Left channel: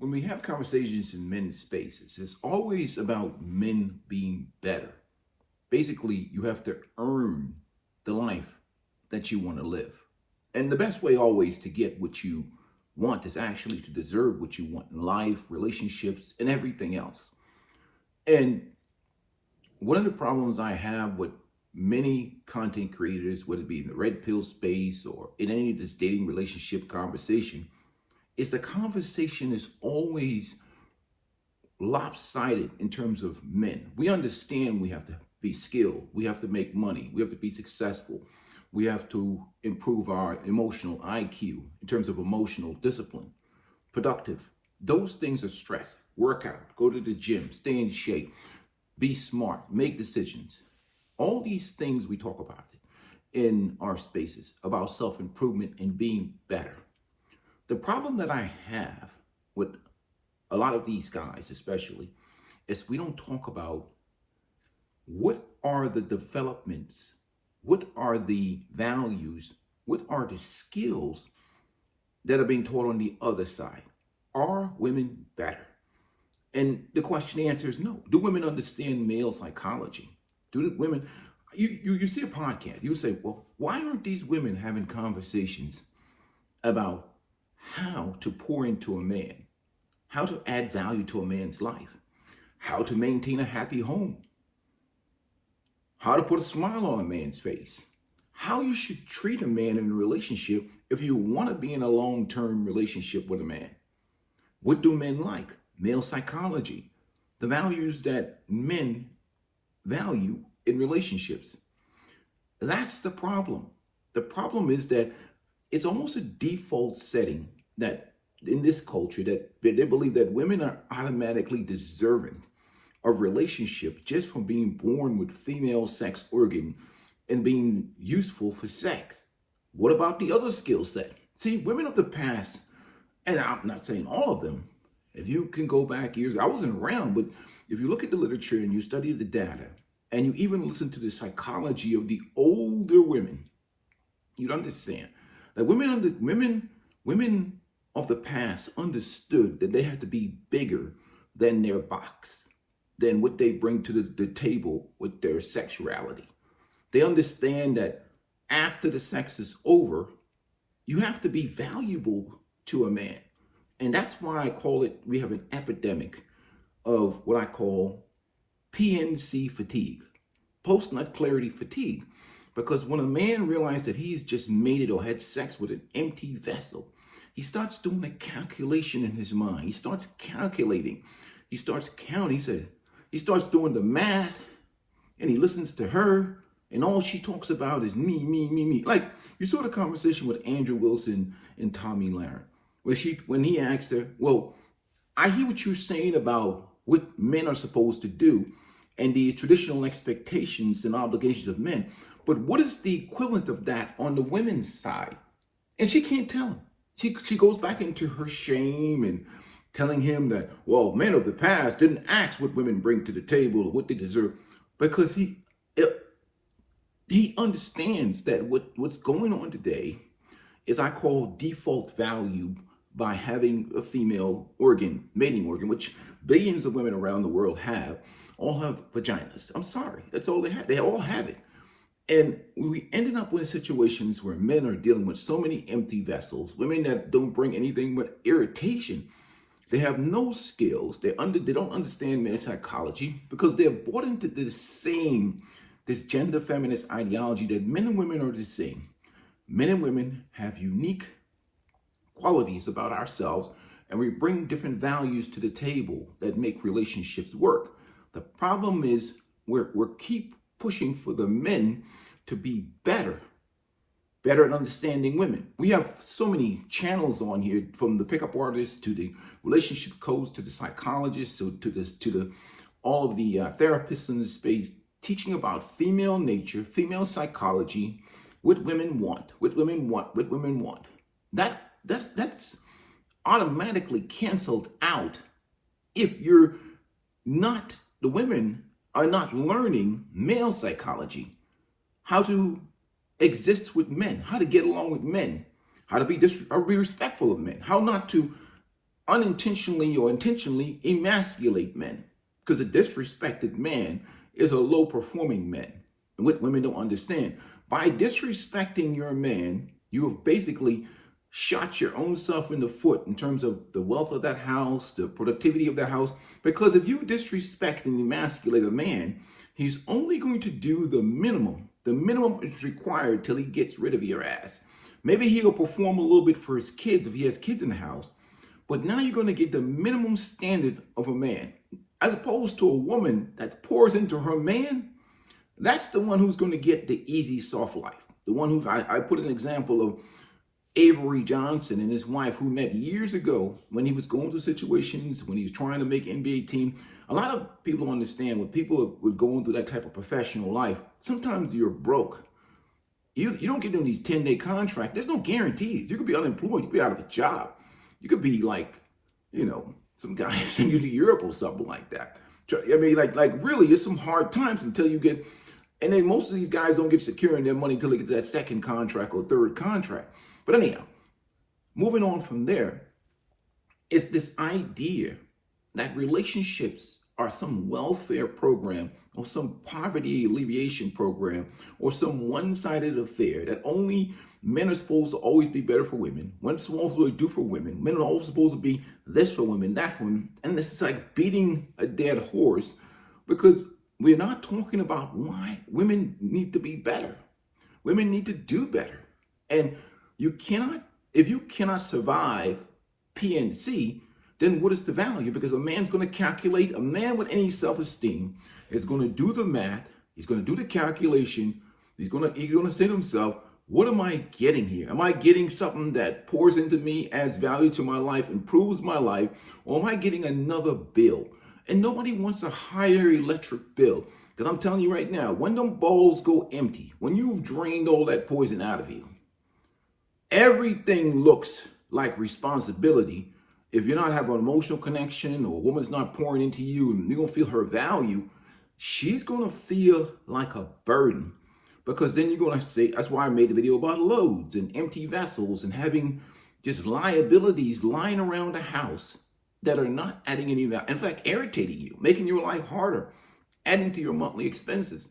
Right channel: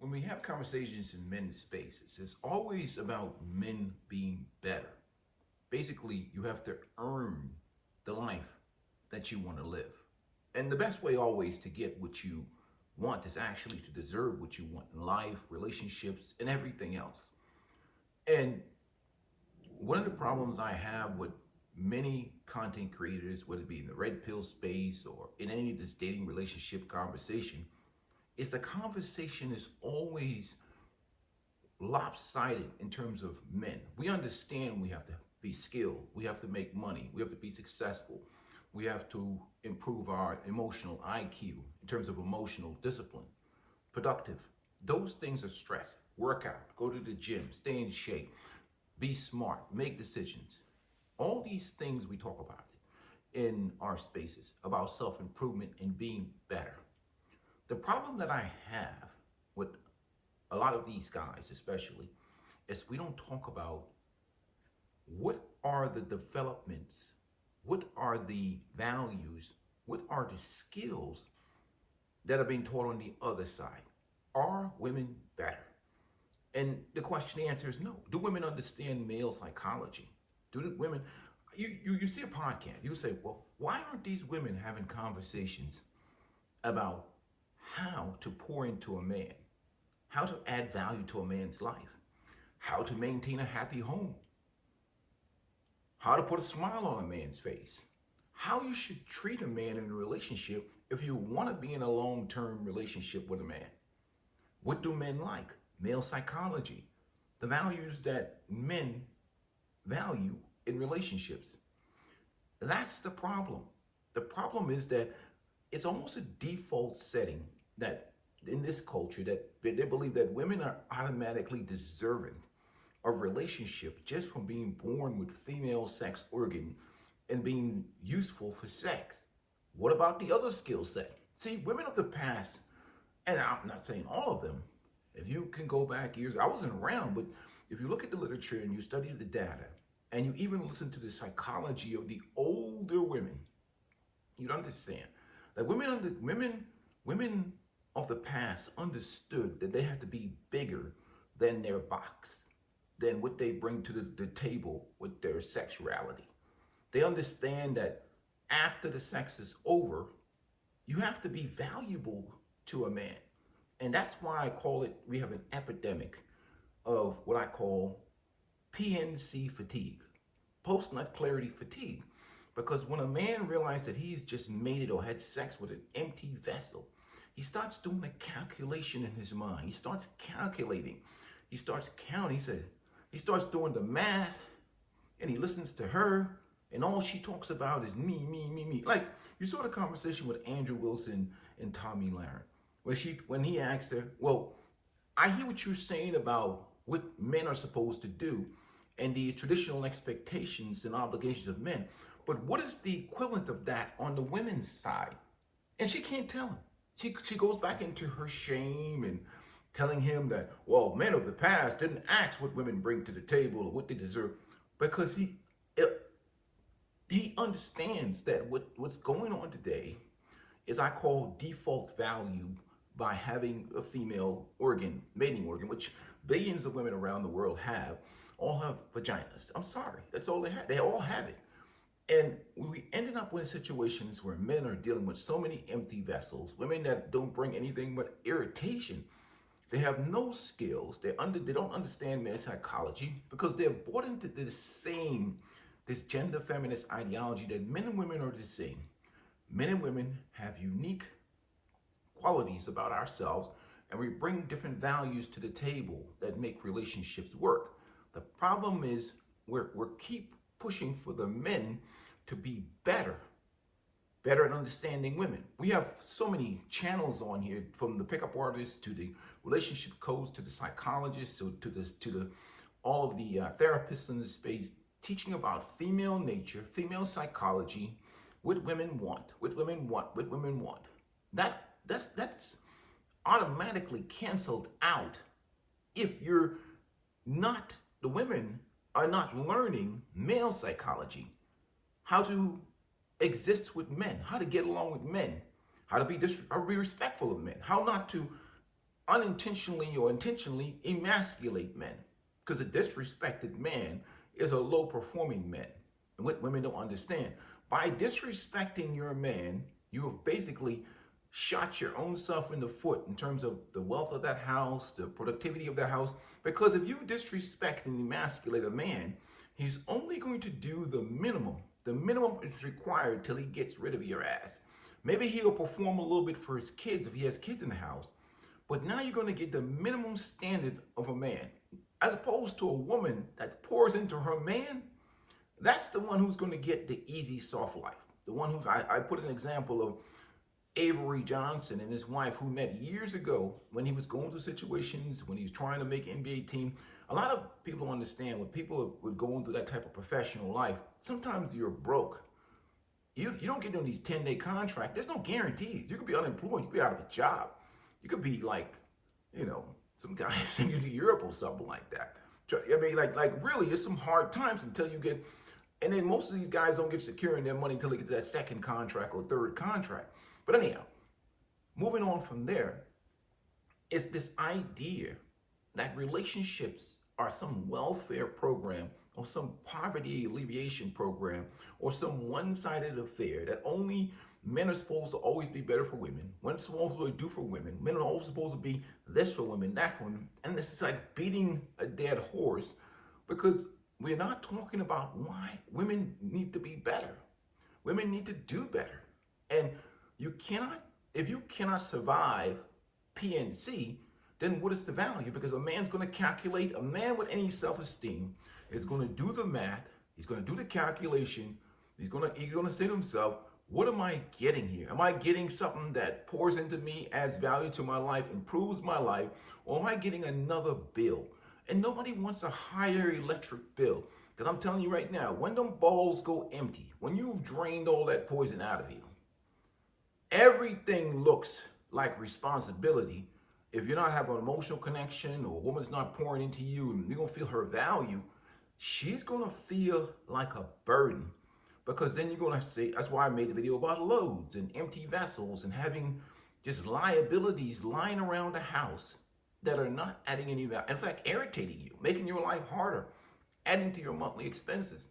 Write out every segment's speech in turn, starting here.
When we have conversations in men's spaces, it's always about men being better. Basically, you have to earn the life that you want to live. And the best way always to get what you want is actually to deserve what you want in life, relationships, and everything else. And one of the problems I have with many content creators, whether it be in the red pill space or in any of this dating relationship conversation, is the conversation is always lopsided in terms of men. We understand we have to be skilled, we have to make money, we have to be successful, we have to improve our emotional IQ in terms of emotional discipline, productive. Those things are stress. Work out, go to the gym, stay in shape, be smart, make decisions. All these things we talk about in our spaces about self-improvement and being better. The problem that I have with a lot of these guys, especially, is we don't talk about what are the developments, what are the values, what are the skills that are being taught on the other side. Are women better? And the answer is no. Do women understand male psychology? Do the women, you see a podcast, you say, well, why aren't these women having conversations about how to pour into a man, how to add value to a man's life, how to maintain a happy home, how to put a smile on a man's face, how you should treat a man in a relationship if you want to be in a long-term relationship with a man. What do men like? Male psychology, the values that men value in relationships. That's the problem. The problem is that it's almost a default setting that in this culture that they believe that women are automatically deserving of relationship just from being born with female sex organ and being useful for sex. What about the other skill set? See, women of the past, and I'm not saying all of them, if you can go back years, I wasn't around, but if you look at the literature and you study the data and you even listen to the psychology of the older women, you'd understand that women of the past understood that they had to be bigger than their box, than what they bring to the table with their sexuality. They understand that after the sex is over, you have to be valuable to a man. And that's why I call it, we have an epidemic of what I call PNC fatigue, post-nut clarity fatigue. Because when a man realizes that he's just mated or had sex with an empty vessel, he starts doing a calculation in his mind. He starts calculating. He starts counting. He starts doing the math, and he listens to her, and all she talks about is me, me, me, me. Like you saw the conversation with Andrew Wilson and Tommy Lahren, when he asked her, well, I hear what you're saying about what men are supposed to do and these traditional expectations and obligations of men, but what is the equivalent of that on the women's side? And she can't tell him. She goes back into her shame and telling him that, well, men of the past didn't ask what women bring to the table or what they deserve, because he understands that what's going on today is I call default value by having a female organ, mating organ, which billions of women around the world all have vaginas. I'm sorry, that's all they have. They all have it. And we ended up with situations where men are dealing with so many empty vessels, women that don't bring anything but irritation. They have no skills. They don't understand men's psychology because they're bought into this gender feminist ideology that men and women are the same. Men and women have unique qualities about ourselves, and we bring different values to the table that make relationships work. The problem is we're keep pushing for the men to be better at understanding women. We have so many channels on here, from the pickup artists to the relationship coach to the psychologists to the all of the therapists in the space, teaching about female nature, female psychology, what women want. That's automatically canceled out if the women are not learning male psychology, how to exist with men, how to get along with men, how to be respectful of men, how not to unintentionally or intentionally emasculate men. Because a disrespected man is a low performing man. And what women don't understand, by disrespecting your man, you have basically shot your own self in the foot in terms of the wealth of that house, the productivity of that house. Because if you disrespect and emasculate a man, he's only going to do the minimum. The minimum is required till he gets rid of your ass. Maybe he'll perform a little bit for his kids if he has kids in the house. But now you're going to get the minimum standard of a man. As opposed to a woman that pours into her man, that's the one who's going to get the easy, soft life. The one who, I put an example of Avery Johnson and his wife who met years ago when he was going through situations, when he was trying to make NBA team. A lot of people don't understand when people are going through that type of professional life, sometimes you're broke. You don't get them these 10-day contracts. There's no guarantees. You could be unemployed. You could be out of a job. You could be like, some guy send you to Europe or something like that. I mean, like really, it's some hard times until you get, and then most of these guys don't get secure in their money until they get to that second contract or third contract. But anyhow, moving on from there, it's this idea that relationships are some welfare program or some poverty alleviation program or some one-sided affair that only men are supposed to always be better for women. Men are supposed to do for women. Men are always supposed to be this for women, that for women. And this is like beating a dead horse because we're not talking about why women need to be better. Women need to do better. And you cannot, if you cannot survive PNC, then what is the value? Because a man's going to calculate, a man with any self-esteem is going to do the math. He's going to do the calculation. He's going to say to himself, what am I getting here? Am I getting something that pours into me, adds value to my life, improves my life, or am I getting another bill? And nobody wants a higher electric bill. Because I'm telling you right now, when them bowls go empty, when you've drained all that poison out of you, everything looks like responsibility. If you're not having an emotional connection or a woman's not pouring into you and you don't feel her value, she's going to feel like a burden. Because then you're going to say, that's why I made the video about loads and empty vessels and having just liabilities lying around the house that are not adding any value. In fact, irritating you, making your life harder, adding to your monthly expenses.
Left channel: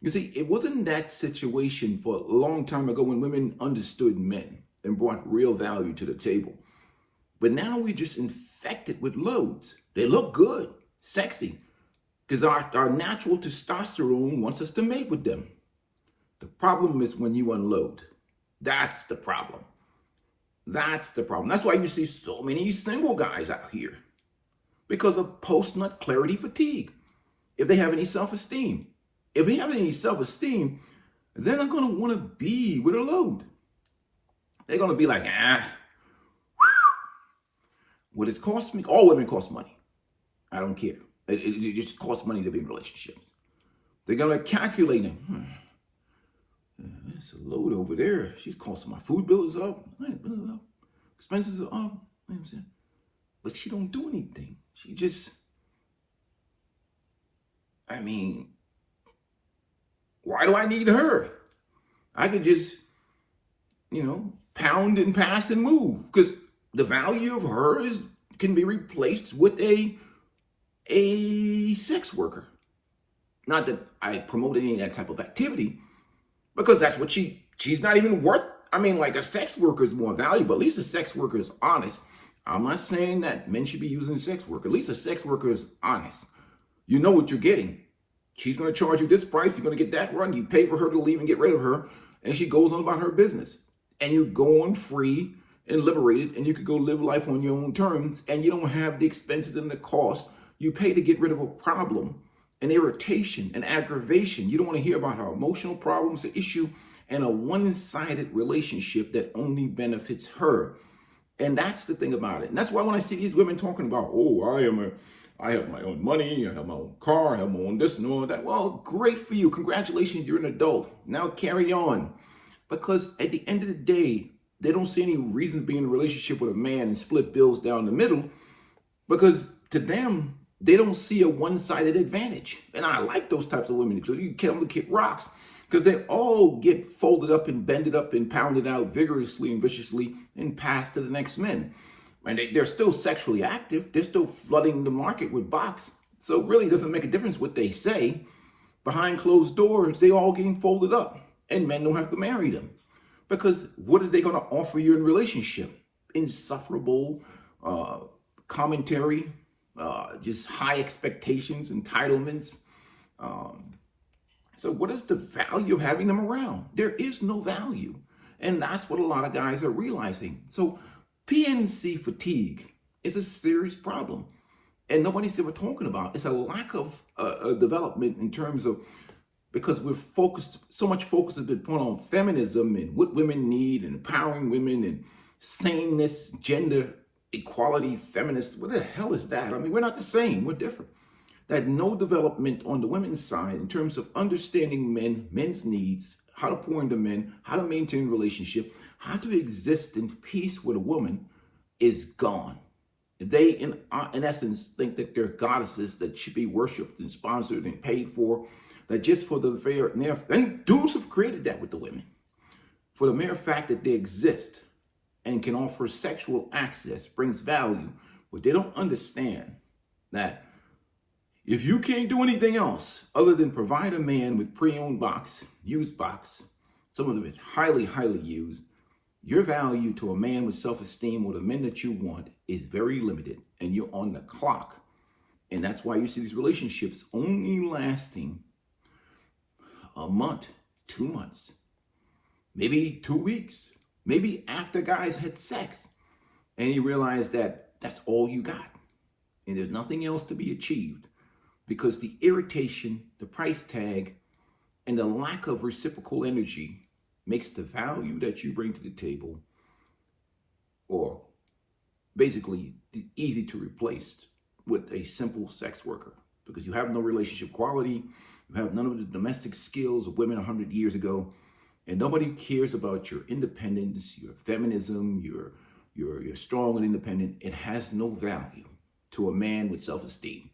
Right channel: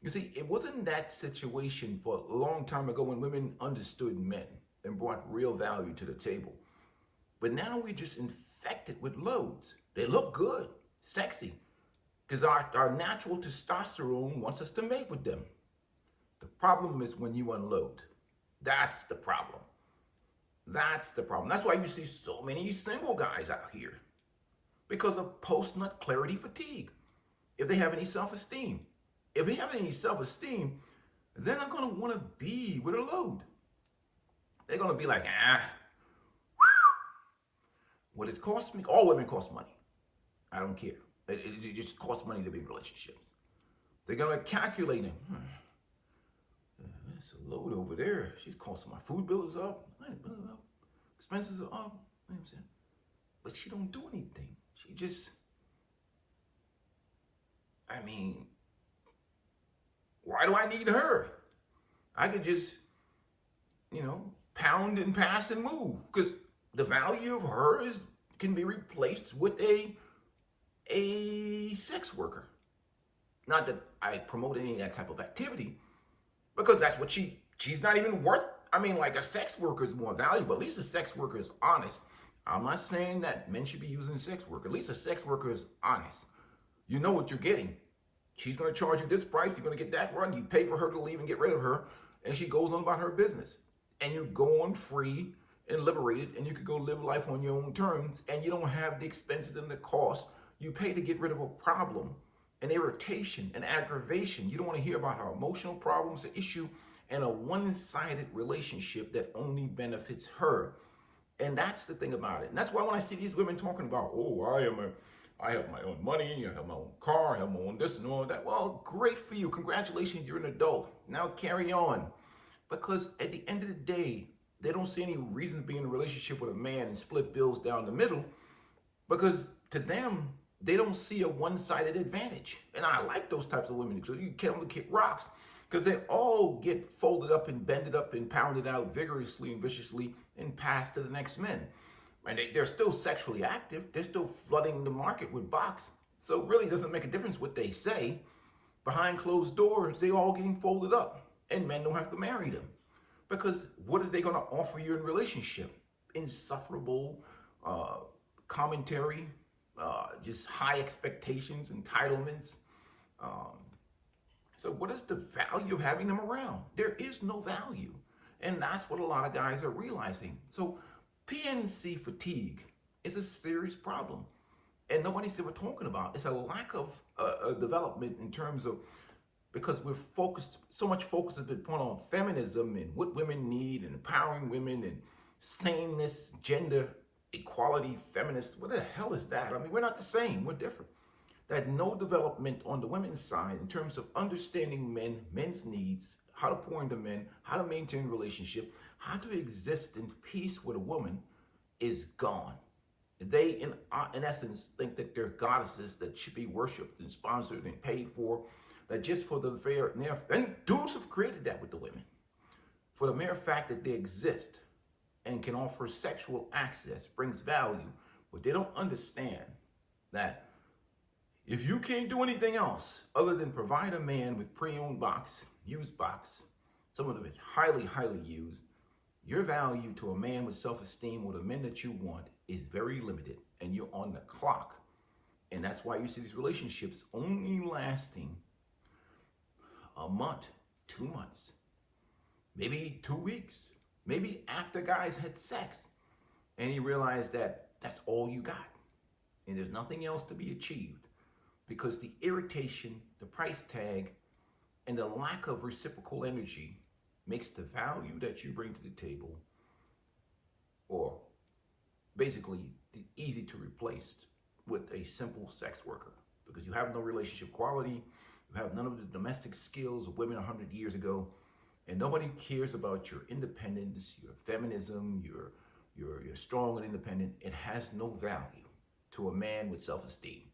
You see, it wasn't that situation for a long time ago when women understood men and brought real value to the table. But now we're just infected with loads. They look good, sexy, because our natural testosterone wants us to mate with them. The problem is when you unload. That's the problem. That's the problem. That's why you see so many single guys out here. Because of post-nut clarity fatigue. If they have any self-esteem. If they have any self-esteem, they're not going to want to be with a load. They're going to be like, what it's cost me? All women cost money. I don't care. It just costs money to be in relationships. They're going to calculate them. It's a load over there. She's costing my food bill is up. Expenses are up. But she don't do anything. She just, why do I need her? I could just, pound and pass and move. Because the value of her can be replaced with a sex worker. Not that I promote any of that type of activity. Because that's what she's not even worth. Like a sex worker is more valuable. At least a sex worker is honest. I'm not saying that men should be using sex work. At least a sex worker is honest. You know what you're getting. She's going to charge you this price. You're going to get that run. You pay for her to leave and get rid of her. And she goes on about her business. And you go on free and liberated. And you could go live life on your own terms. And you don't have the expenses and the cost you pay to get rid of a problem. An irritation, an aggravation. You don't want to hear about her emotional problems, the issue, and a one-sided relationship that only benefits her. And that's the thing about it. And that's why when I see these women talking about, I have my own money, I have my own car, I have my own this and all that. Well, great for you. Congratulations, you're an adult. Now carry on. Because at the end of the day, they don't see any reason to be in a relationship with a man and split bills down the middle. Because to them, they don't see a one-sided advantage. And I like those types of women. So you can tell them to kick rocks. Because they all get folded up and bended up and pounded out vigorously and viciously and passed to the next men. And they're still sexually active. They're still flooding the market with box. So it really doesn't make a difference what they say. Behind closed doors, they all getting folded up. And men don't have to marry them. Because what are they going to offer you in relationship? Insufferable commentary, just high expectations, entitlements. So what is the value of having them around? There is no value. And that's what a lot of guys are realizing. So PNC fatigue is a serious problem. And nobody's ever talking about. It's a lack of development in terms of, because we're focused, so much focus has been put on feminism and what women need and empowering women and sameness, gender equality, feminists. What the hell is that? I mean, we're not the same. We're different. That no development on the women's side in terms of understanding men's needs, how to pour into men, how to maintain a relationship, how to exist in peace with a woman is gone. They, in essence, think that they're goddesses that should be worshipped and sponsored and paid for, that just for the fair, and dudes have created that with the women, for the mere fact that they exist and can offer sexual access brings value, but they don't understand that if you can't do anything else other than provide a man with pre-owned box, used box, some of it highly, highly used, your value to a man with self-esteem or the men that you want is very limited, and you're on the clock. And that's why you see these relationships only lasting a month, 2 months, maybe 2 weeks, maybe after guys had sex. And you realize that that's all you got. And there's nothing else to be achieved because the irritation, the price tag, and the lack of reciprocal energy makes the value that you bring to the table, or basically easy to replace with a simple sex worker, because you have no relationship quality, you have none of the domestic skills of women 100 years ago, and nobody cares about your independence, your feminism, you're strong and independent. It has no value to a man with self-esteem.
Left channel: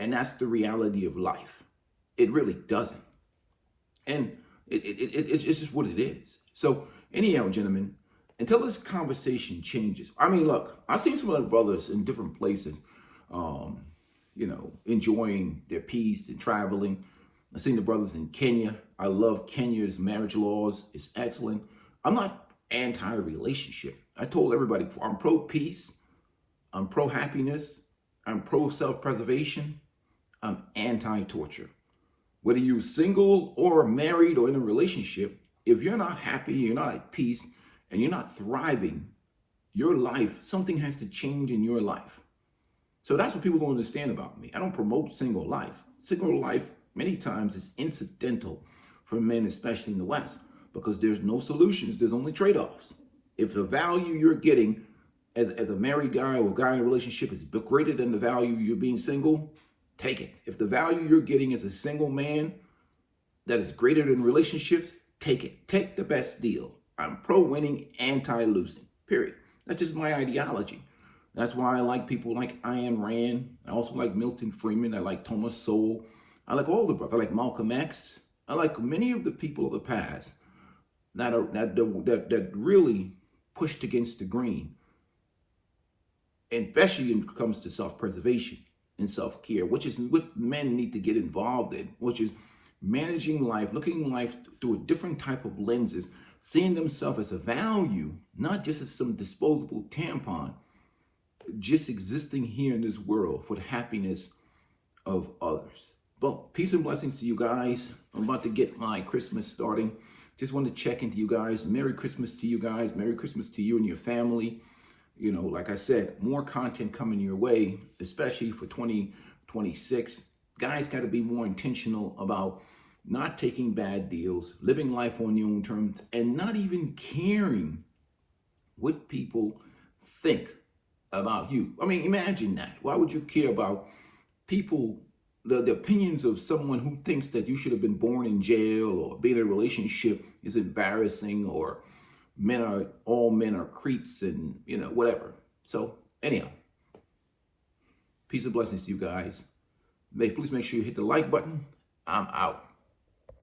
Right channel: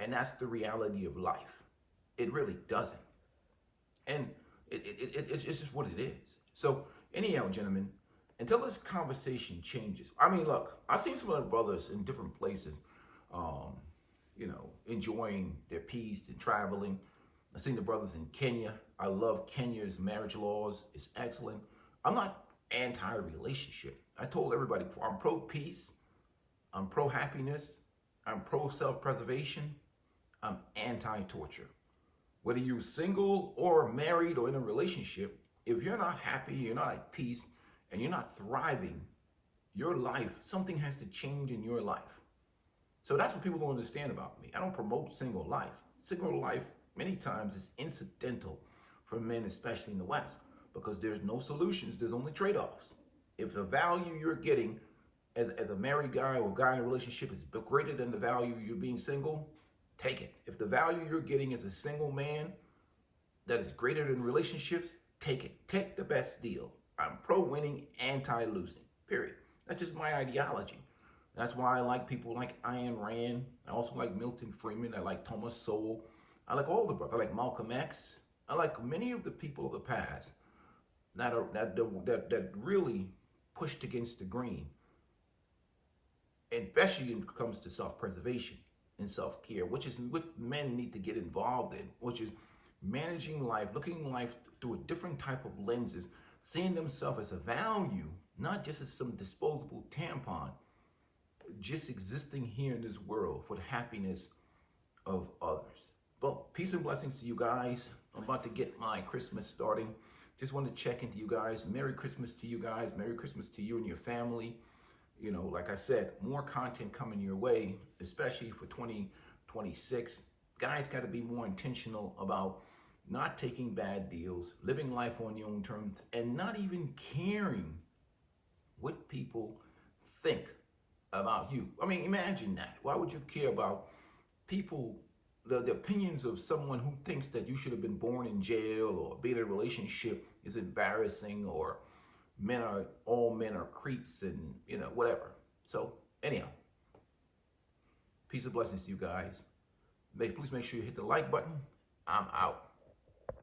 And that's the reality of life. It really doesn't. And it's just what it is. So anyhow, gentlemen, until this conversation changes, I mean, look, I've seen some of the brothers in different places, enjoying their peace and traveling. I've seen the brothers in Kenya. I love Kenya's marriage laws. It's excellent. I'm not anti-relationship. I told everybody before, I'm pro-peace. I'm pro-happiness. I'm pro-self-preservation. I'm anti-torture. Whether you're single or married or in a relationship, if you're not happy, you're not at peace, and you're not thriving, your life, something has to change in your life. So that's what people don't understand about me. I don't promote single life. Single life, many times, is incidental for men, especially in the West, because there's no solutions. There's only trade-offs. If the value you're getting as a married guy or a guy in a relationship is greater than the value you're being single, take it. If the value you're getting as a single man that is greater than relationships, take it. Take the best deal. I'm pro-winning, anti-losing, period. That's just my ideology. That's why I like people like Ayn Rand. I also like Milton Friedman. I like Thomas Sowell. I like all the brothers. I like Malcolm X. I like many of the people of the past that really pushed against the grain, especially when it comes to self-preservation and self-care, which is what men need to get involved in, which is managing life, looking at life through a different type of lenses, seeing themselves as a value, not just as some disposable tampon, just existing here in this world for the happiness of others. Well, peace and blessings to you guys. I'm about to get my Christmas starting. Just want to check into you guys. Merry Christmas to you guys. Merry Christmas to you and your family. You know, like I said, more content coming your way, especially for 2026. Guys got to be more intentional about not taking bad deals, living life on your own terms, and not even caring what people think about you. I mean, imagine that. Why would you care about people, the opinions of someone who thinks that you should have been born in jail, or being in a relationship is embarrassing, or all men are creeps, and whatever. So anyhow, peace and blessings to you guys. Please make sure you hit the like button. I'm out.